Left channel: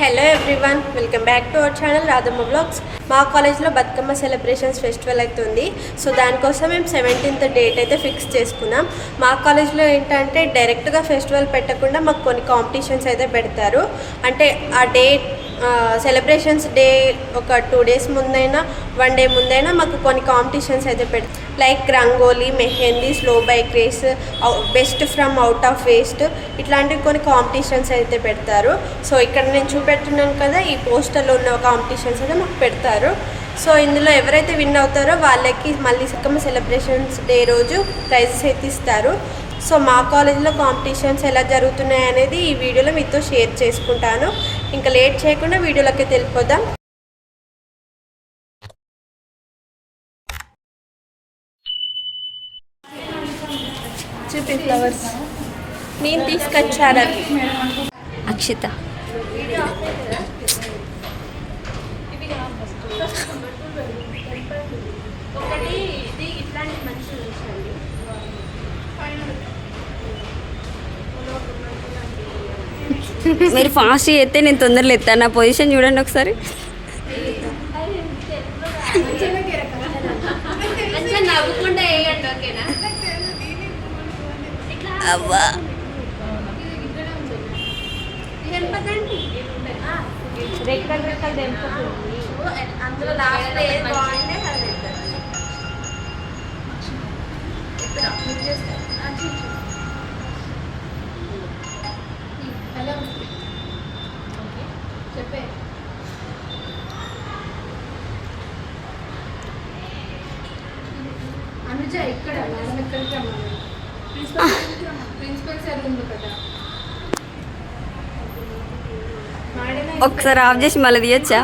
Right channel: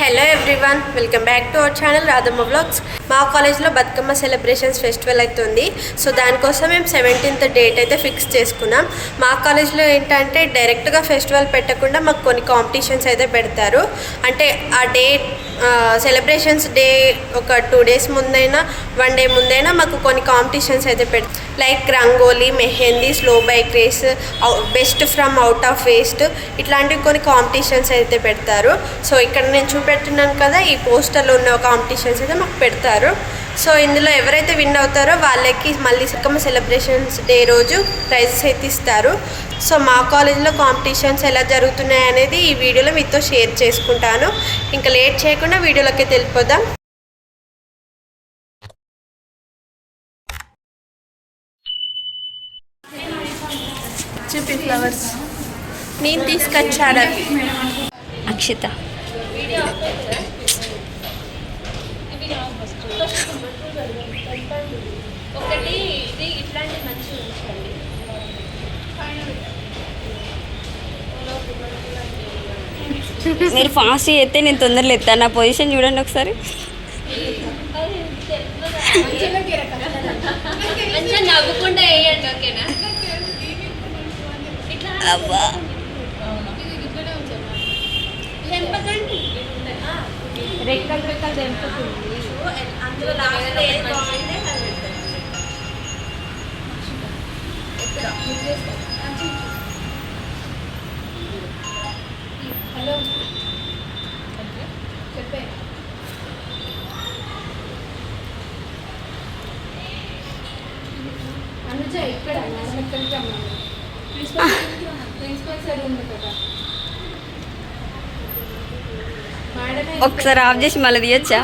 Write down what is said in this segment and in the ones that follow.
Hello everyone, welcome back to our channel Radhamma vlogs. మా కాలేజ్లో Bathukamma celebrations festival అవుతుంది. So దానికోసం మేము 17th డేట్ అయితే ఫిక్స్ చేసుకున్నాం. మా కాలేజ్లో ఏంటంటే డైరెక్ట్గా ఫెస్టివల్ పెట్టకుండా మాకు కొన్ని కాంపిటీషన్స్ అయితే పెడతారు. అంటే ఆ డేట్ సెలబ్రేషన్స్ డే ఒక 2 days ముందైనా 1 day ముందైనా మాకు కొన్ని కాంపిటీషన్స్ అయితే పెడతారు. Like rangoli, mehndi, slow bike race, best from out of waste, ఇట్లాంటివి కొన్ని కాంపిటీషన్స్ అయితే పెడతారు. సో ఇక్కడ నేను చూపెడుతున్నాను కదా, ఈ పోస్టర్లో ఉన్న కాంపిటీషన్స్ అయితే మాకు పెడతారు. సో ఇందులో ఎవరైతే విన్ అవుతారో వాళ్ళకి మళ్ళీ బతుకమ్మ సెలబ్రేషన్స్ డే రోజు ప్రైజెస్ అయితే ఇస్తారు. సో మా కాలేజ్లో కాంపిటీషన్స్ ఎలా జరుగుతున్నాయి అనేది ఈ వీడియోలో మీతో షేర్ చేసుకుంటాను. ఇంకా లేట్ చేయకుండా వీడియోలోకి వెళ్ళిపోదాం. చూపి ఫ్లవర్స్ నేను తీసుకొచ్చాను. అక్షిత ఒకటి ఇది ఇట్లాంటి మంచి ఉంచండి. మీరు ఫాస్ట్ చేస్తే నేను తొందరలో ఎత్తాను. నా పొజిషన్ చూడండి ఒకసారి. మంచిగా నవ్వకుండా వేయండి, ఓకేనా? అవ్వా రెక్కలు రెక్కలు తెంపుతుంది. అందులో లాస్ట్ ఏది బాగుంటే అది హలో చెప్పే. అనుజ ఇక్కడ ఎక్కడికి అమ్మాలి? ప్రిన్సిపల్ సార్ ఉంది కదా, ఒకసారి ఆఫ్ చేసి మళ్ళీ తీయచ్చా?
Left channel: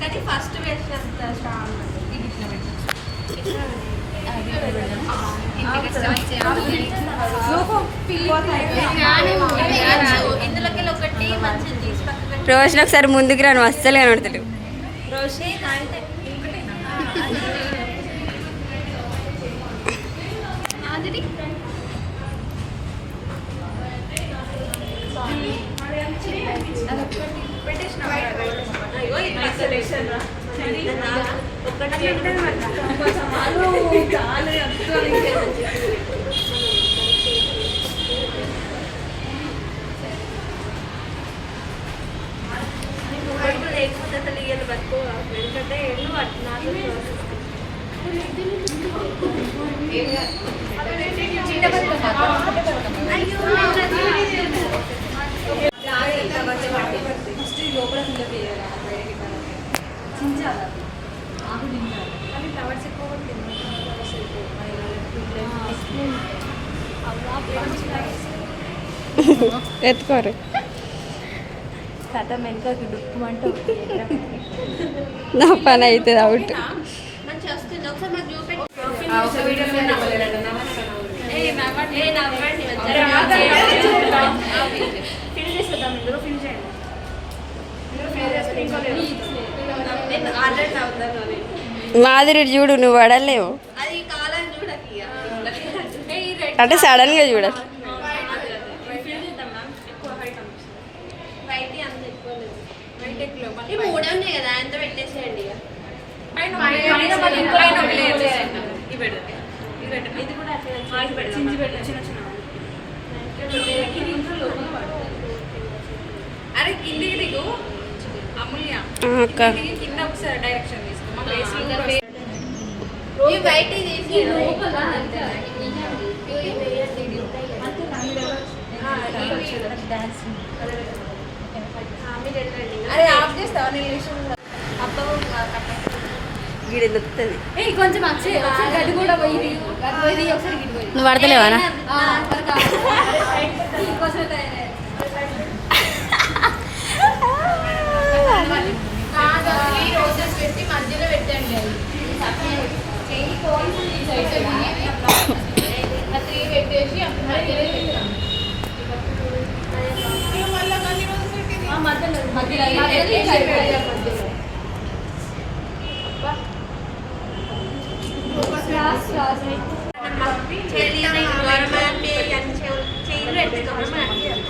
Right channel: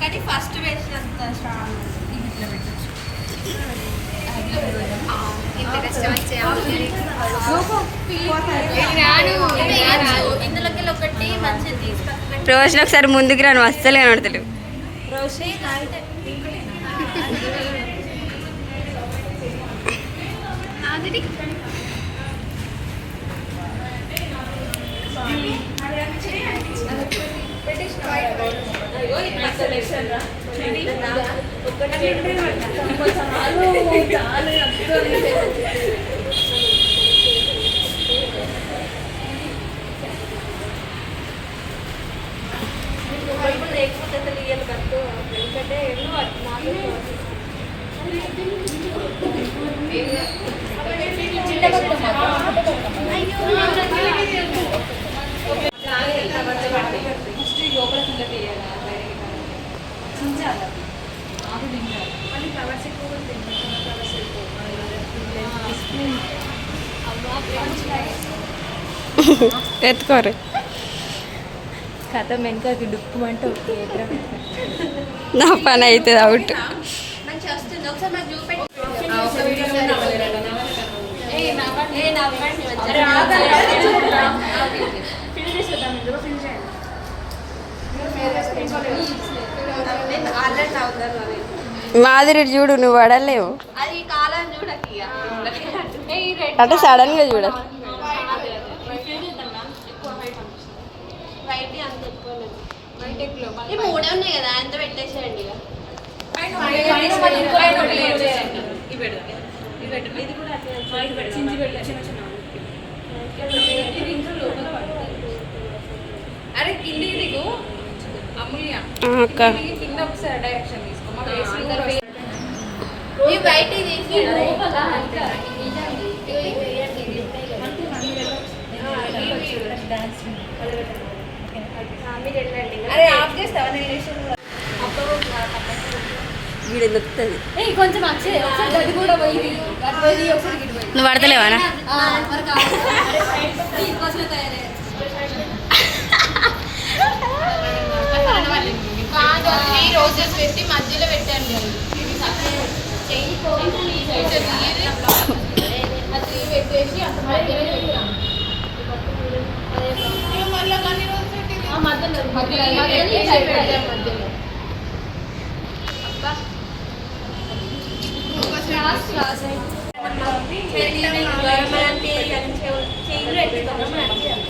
కానీ ఫస్ట్ వేసినంత ఇందులోకి ఒకటి మంచిది తీసి పక్కన రోజున ఒకసారి ముందుకు రాను, అస్సలు కనబడతలేవు. రోషి ఎత్తుకోరు కథ వెనకకి డుక్కు అంటే నా పని అవుతుంది అవుట్. మంచి వస్తుంది. ఒకసారి మాకు చూపెట్టి ఫిల్ చేసేద్దాం. ఇందులో ఫిల్ చేయండి. మాదిరి చూడు, నువ్వు పడలేవు అది కాలం చూడకి అంటే సడన్ గా చూడాలి. మూడే ఉన్నాయి కదా, అంత పెట్టేసేయండి. అరే కిందికి దిగు అమూల్య, అక్క కింద ఒకసారి డైరెక్షన్ తీసుకో. బయట తీసి అరే ఆఫ్ చేస్తావా? వీడు దొరుకుతుంది. కొంచెం నువ్వు పడతలేవానా? రోజెస్ పెట్టి మధ్యలో పెట్టండి. అది పెట్టేసి మధ్యలో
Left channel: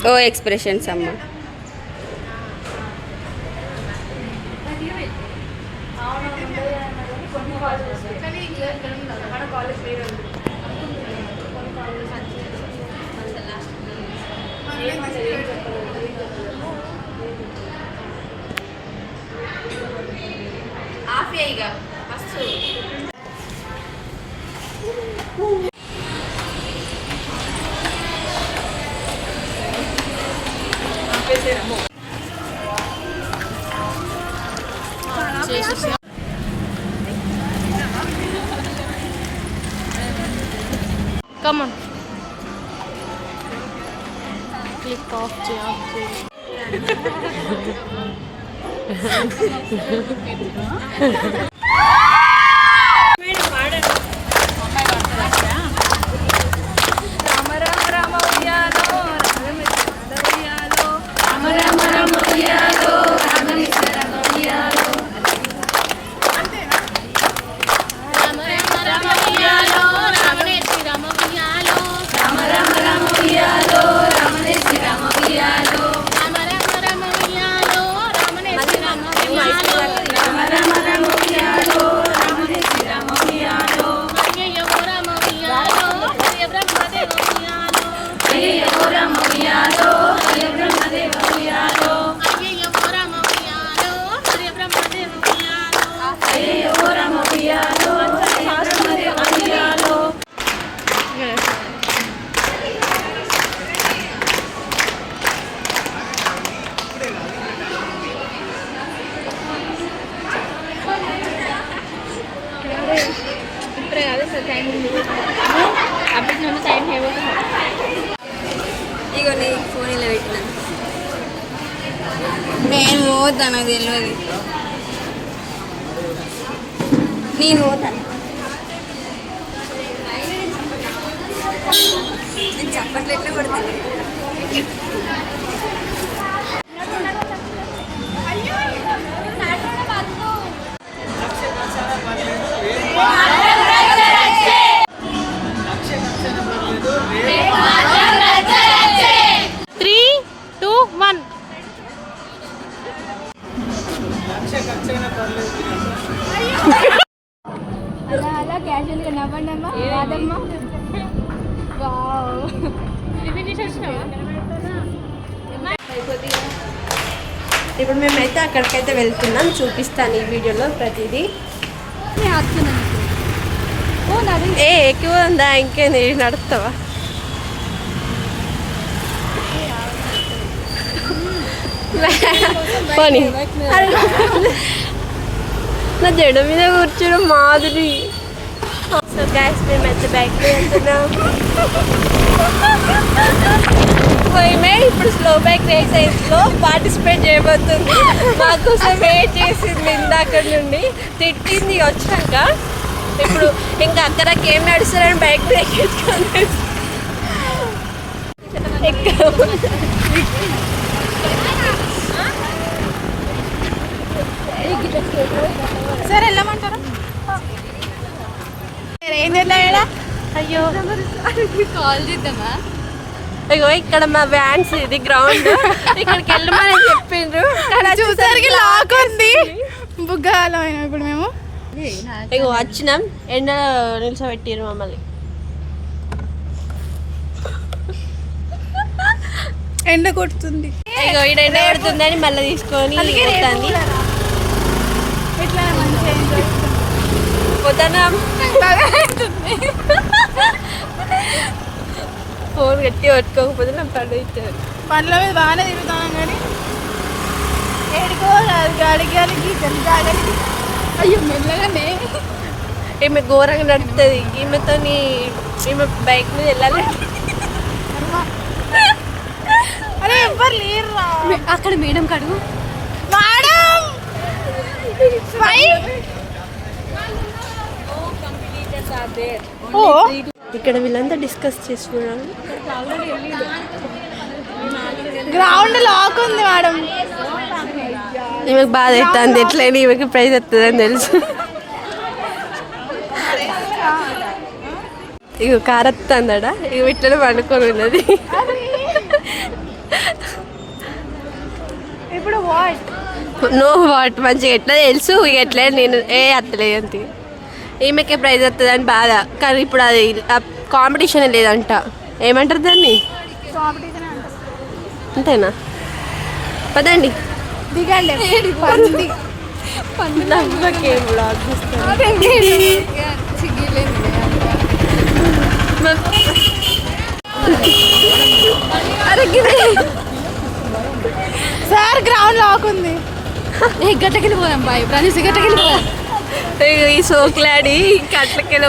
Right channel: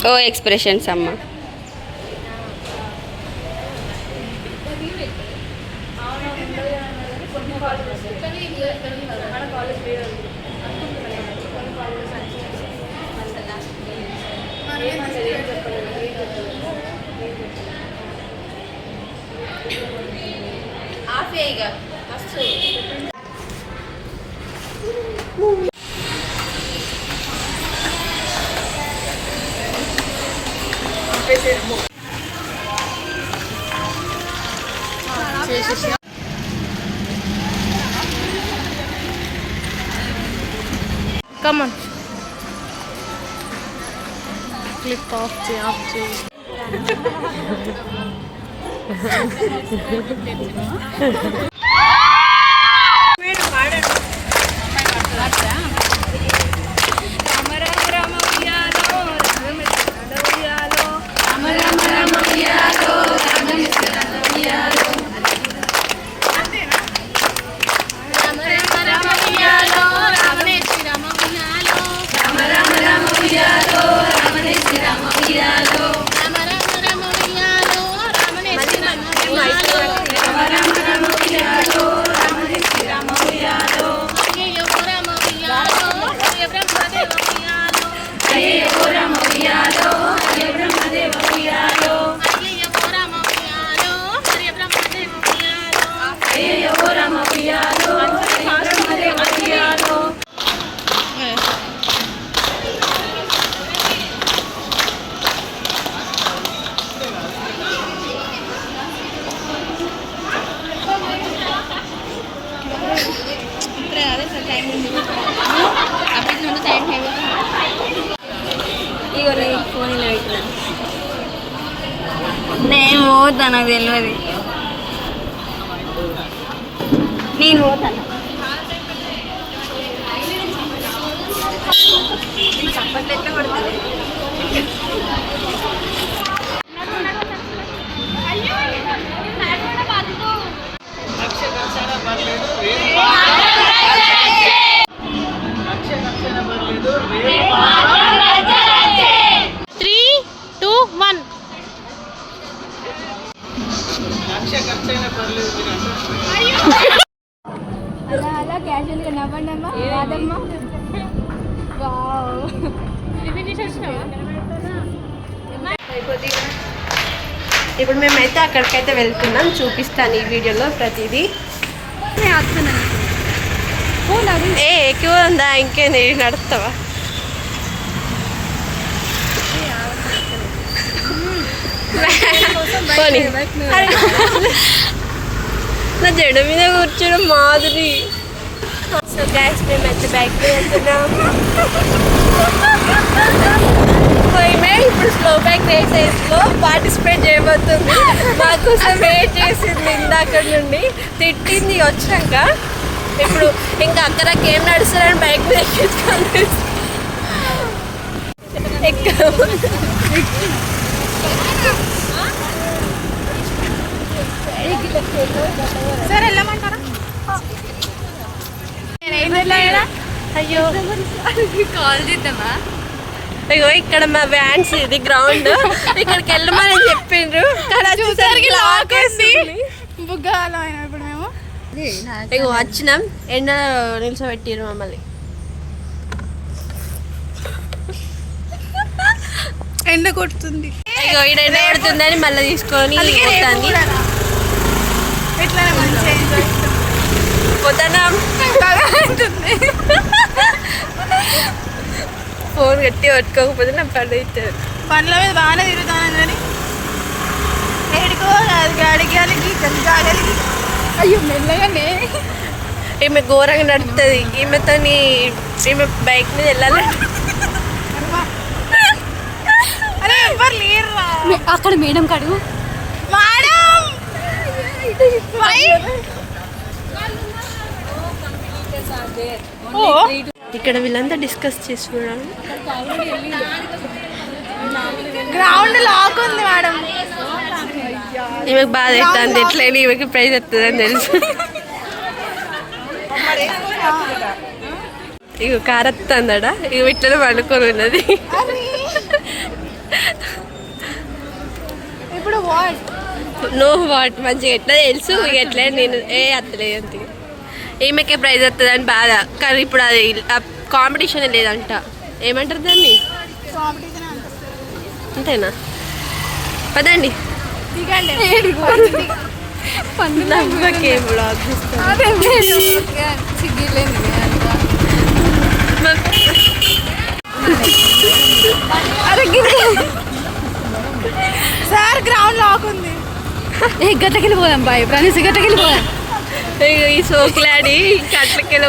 ఓ ఎక్స్ప్రెషన్స్ అమ్మ. Come on. Click off చేయి. ఇగో నీ ఫోన్ ఇలా పెట్టినా. నేను పోతా, నాకు తెలియదు. నేను పోతాను. నేను చప్పట్లెట్లు కొడతాను. అలా క్యాజువల్గా నవ్వండమ్మా. రాదమ్మా. ఇప్పుడు మేమైతే అక్కడికైతే వెళ్తున్నాం, చూపిస్తాను ఈ వీడియోలో ప్రతిదీ. ఏ ఎక్కువ ఉందా? ఇంకే నేను నడుస్తావా? పోనీ నా జడ మీద కూర్చోడం మాదిరి. సో గైస్ మేమైతే బ్యాక్ వెళ్తున్నాం. ఇప్పుడు స్లో బ్యాక్ రేసెస్లో పార్టిసిపేట్ చేయబోతుంది. మాకోసం వెయిట్ చేసింది ఇందాక నుండి, తిట్టింది వచ్చినాక. ఇప్పుడు ఇంకా అక్కడ ఏం నడుస్తారని బైక్ బ్రేక్ వేసుకొని సార్ వెళ్ళమంటారా? అయ్యో కాల్ చేద్దామా? అయ్యో ఇక్కడ మా వ్యాన్స్, ఇది గ్రౌండ్, ఇక్కడికి వెళ్ళమని చెప్పిండ్రు కానీ వచ్చేసరికి లాగేసి బుగ్గాలం ఇప్పుడు మేము ఇగో వచ్చినాం. ఎండ నిల్చోబెట్టిరు మమ్మల్ని. ఎండ కొడుతుంది. ఇగో ఈడ ఎండ కొడుతుందని మళ్ళీ తీసుకొని పోతుంది. ఎట్లా మంచిగా ఎంజాయ్ పోతాం. ఫోన్ గట్టి పట్టుకోకపోతే నా పని అవుతుంది. పండ్ల మీద బాగానే తిరుగుతాను కానీ ఎక్కడికో గాడికి అయ్యో మెల్లగానే. ఈమె ఘోరంగా నడుస్తుంది. ఈమె బైక్ మీద వెళ్ళాలి. అరే ఎవరు లేరు అక్కడ. మేడం కాడు ఇక్కడ వీళ్ళంతా డిస్కస్ చేస్తున్నారు. గ్రౌండ్ లాక్ ఉంది మేడం. ఈమెకు బాధ అవుతుంది, ఎట్లయినా ఈమెకి ప్రైజ్ వస్తుందని తెలుసు. ఇగో కారత్తందడా ఇక ఇట్లనే పండుకొని ఉన్నది. ఇప్పుడు వాట్ నో వాట్ మంచిగా ఎట్లా తెలుసు ఇక ఎట్లా నేను అత్తలేదు అంతే. ఈమెకే ప్రైజ్ వస్తుంది అని బాధ, కానీ ఇప్పుడు అది కాంపిటీషన్ లేదంట. ఏమంటారు దాన్ని? కాంపిటీషన్ అంటారు. అంతేనా? పదండి దిగండి. నవ్వకే బ్లాగ్ ఇస్తాను. సార్ గ్రౌండ్ లాకుంది. గట్టకెళ్ళి పోదాం బాయ్, ప్రతి గట్టకెళ్ళి పోదాం. ఈ సోకులాడి కట్లకెళ్ళి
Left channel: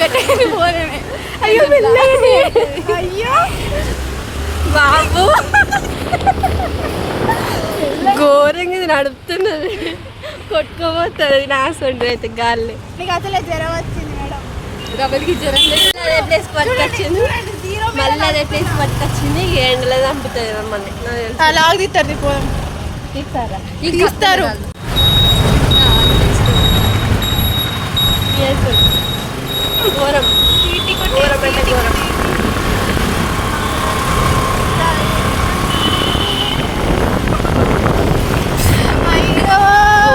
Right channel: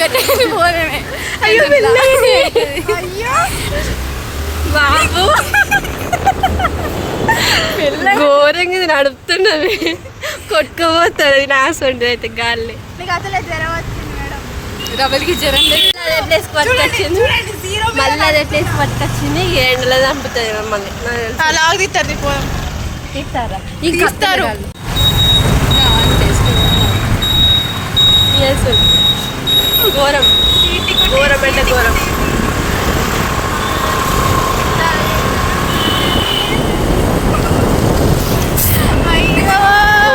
గట్టకెళ్ళి పోదామే. అయ్యో అయ్యో బాబు ఘోరంగా నడుపుతున్నది, కొట్టుకుపోతుంది నాసండి అయితే గాలి. నీకు అసలే జ్వరం వచ్చింది మేడం. రవలికి జ్వరం పట్టుకొచ్చింది, మళ్ళీ అదే ప్లేస్ పట్టుకొచ్చింది. ఎండలో చంపుతుంది మమ్మల్ని. అలా తీస్తారు పోదాం. తీస్తారా? తీస్తారు. ఘోరం ఘోరం అంటే ఘోరం.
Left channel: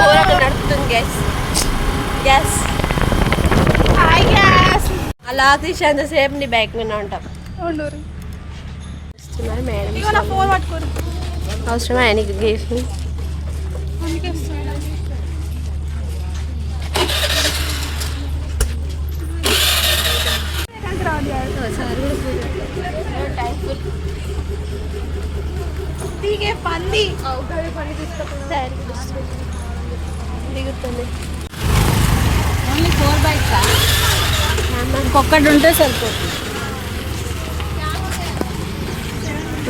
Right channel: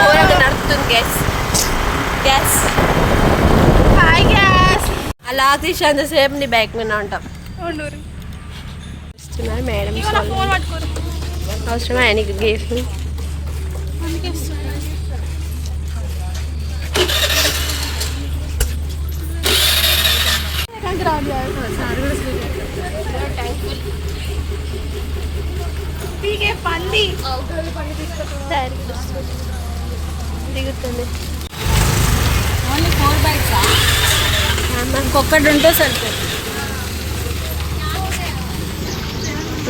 ఘోరంగా నడుపుతుంది గ్యాస్ గ్యాస్. అలా తీసి అంతసేపు నీ బ్యాగ్ మీద ఉంటాం. వస్తున్నారు మేడం. అవసరమా ఆయనకి గిఫ్ట్? పంది దిగుతుంది. ఓన్లీ 4 బైక్స్ ఒక్కటి ఉంటే సరిపోతుంది.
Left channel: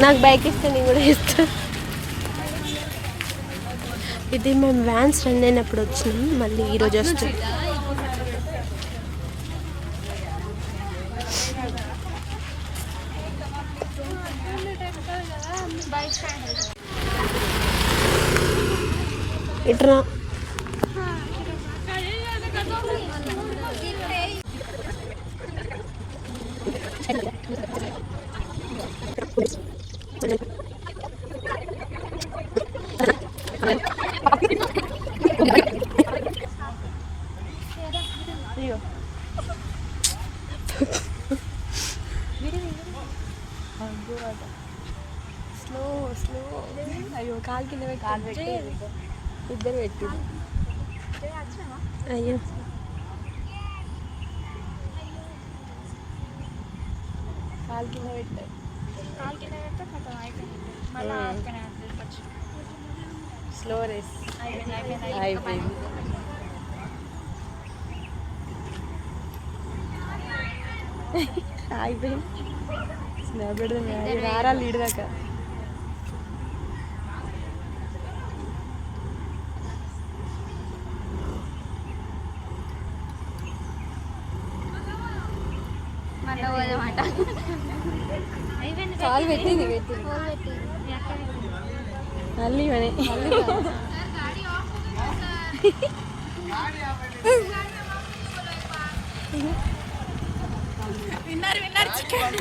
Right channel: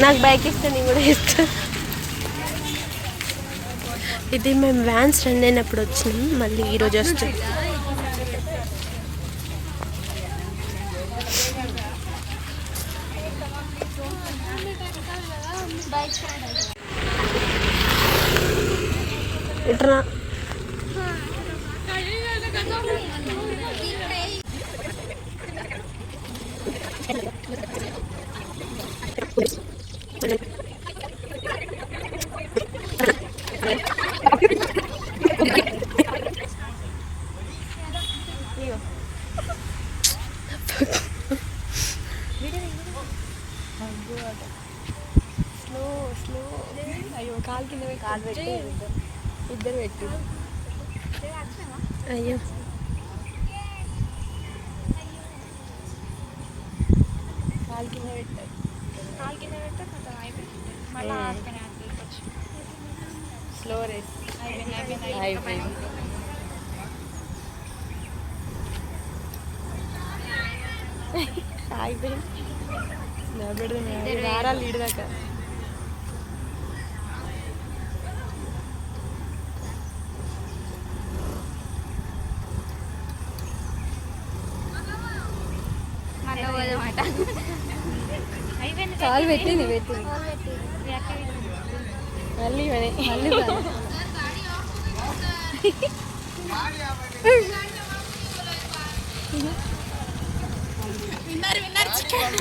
నాకు బైక్ ఇస్తే నేను కూడా ఇస్తాను. ఇది మేము వ్యాన్స్ రన్ అయినప్పుడు వచ్చినాం, మళ్ళీ ఈరోజు వస్తాం. ఇట్రా అయ్యో కాలు కింద ఇద్దరు పెట్టి అయ్యో కాలు కింద పెట్టారు. స్లో రేస్ అయిపోయింది. అయిపోయింది. నారా లీడ్ దాకా కాలు పెట్టింది మళ్ళీ విన్నర్ చికెన్